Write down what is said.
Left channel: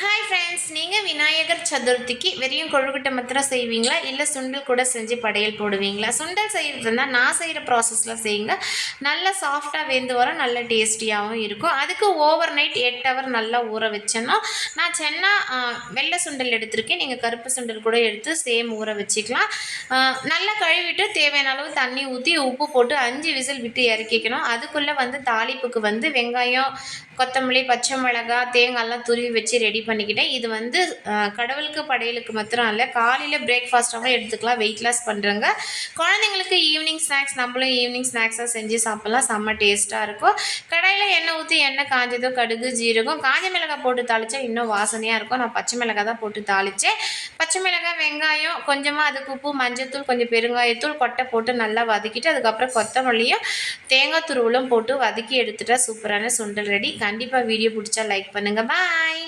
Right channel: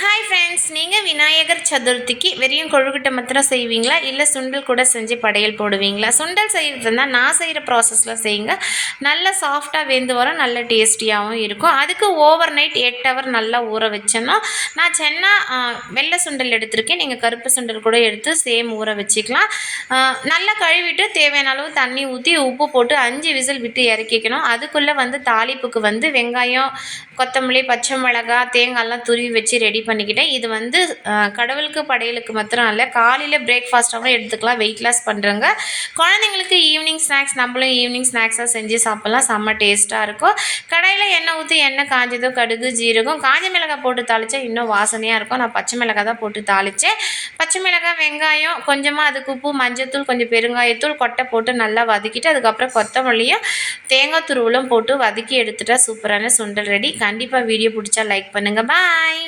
Hi friends, நீங்கள் விநாயகர் சதுர்த்திக்கு வெறும் கொழுக்கட்டை மாத்திரம் செய்வீங்களா, இல்லை சுண்டல் கூட செஞ்சு படையல் போடுவீங்களா? சுண்டல் செய்கிறதுனா நான் செய்கிற ப்ராசஸில் செய்யுங்க. நல்லா சாஃப்டாக வெந்து வரும், நல்ல டேஸ்டியாகவும் இருக்கும். அதுக்கு ஓவர் நைட் 8 ஹவர் நல்லா ஊற வச்சேன்னா, நான் சென்னா வெள்ளை சுண்டல் எடுத்திருக்கேன். நீங்கள் கருப்பு சுண்டல் கூட எடுத்து சேம் ஊற வச்சுக்கலாம். நல்லா கழுவிட்டு தேவையான அளவு தண்ணி ஊற்றி உப்பு போட்டு 5 விசில் விட்டு இறக்கிக்கணும். அதுக்குள்ளே தாளிப்புக்கு வெங்காயம், கொத்தமல்லி, பச்சை மிளகாய், தேங்காய்லாம் துருவி வச்சு ரெடி பண்ணிக்கிட்டேன். இது கடவுளுக்கு படையலுக்கு மாத்திரம் இல்லை, காலையில் பிரேக்ஃபாஸ்ட்டாகவும் எடுத்துக்கலாம். வெயிட் லாஸ் பண்ணுறவங்க, குழந்தைங்களுக்கு ஈவினிங் ஸ்நாக்ஸ், நம்மளும் ஈவினிங் ஸ்நாக்ஸாக செஞ்சு சாப்பிட்லாம். செம்ம டேஸ்ட்டாக இருக்கும். கடாயில் எண்ணெய் ஊற்றி, எண்ணெய் காஞ்சதோ கடுகு, ஜீரகம், காஞ்ச மிளகாய் போட்டு தாளித்தா இன்னும் வாசனையாக இருக்கும். நான் பச்சை மிளகாய் தான் போட்டு தாளித்தேன். பச்சை மிளகாய், வெங்காயம், கொஞ்சமாக அதுக்கு உப்பு, மஞ்சத்தூள், கொஞ்சம் பெருங்காயத்தூள், கொட்டை போட்டு நல்லா வதக்கிட்டு அதுக்கப்புறம் கொத்தமல்லியும் தேங்காய் துருவலும் போட்டு வதக்கி எடுத்துட்டா சூப்பரான சுண்டல் ரெடி. கண்டிப்பாக வீடியோ பிடிச்சா லைக் பண்ணுங்கள். பாய்.